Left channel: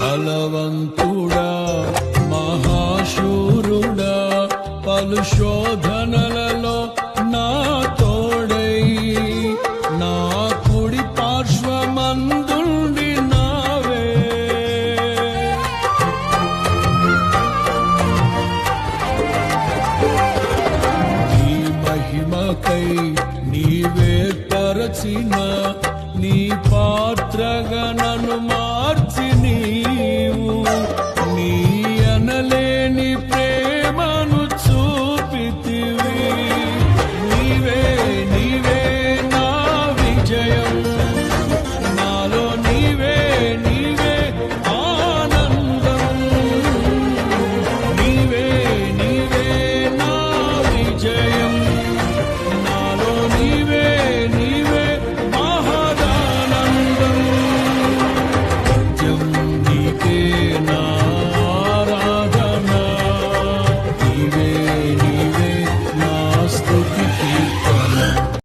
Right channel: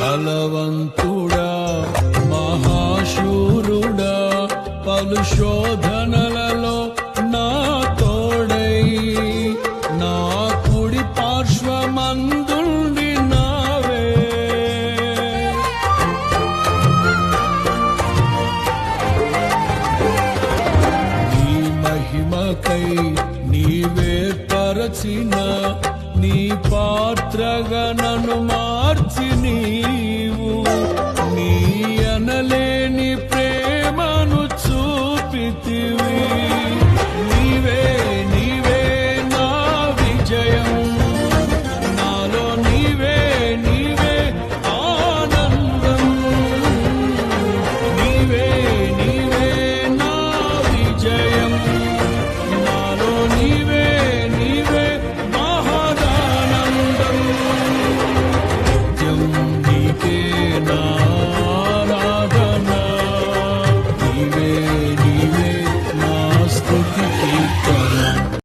బలవంతుడా మహాశూరుడా పలు శోధనలలో నా తోడై నా కుడి పార్శ్వమందుండి నావే. నీ మహిమకై నీవే పరచిన నీ పాత్రగా నన్ను మార్చి నీవు నీ అనలేని ప్రేమను చూపితివి. నీవే నీవే నా విజయం, నాలో నీవే నీవే ఆనందం. నీవే నీవే నా విజయం, నాలో నీవే నీవే మహదానందం. నిత్యం నీకే నా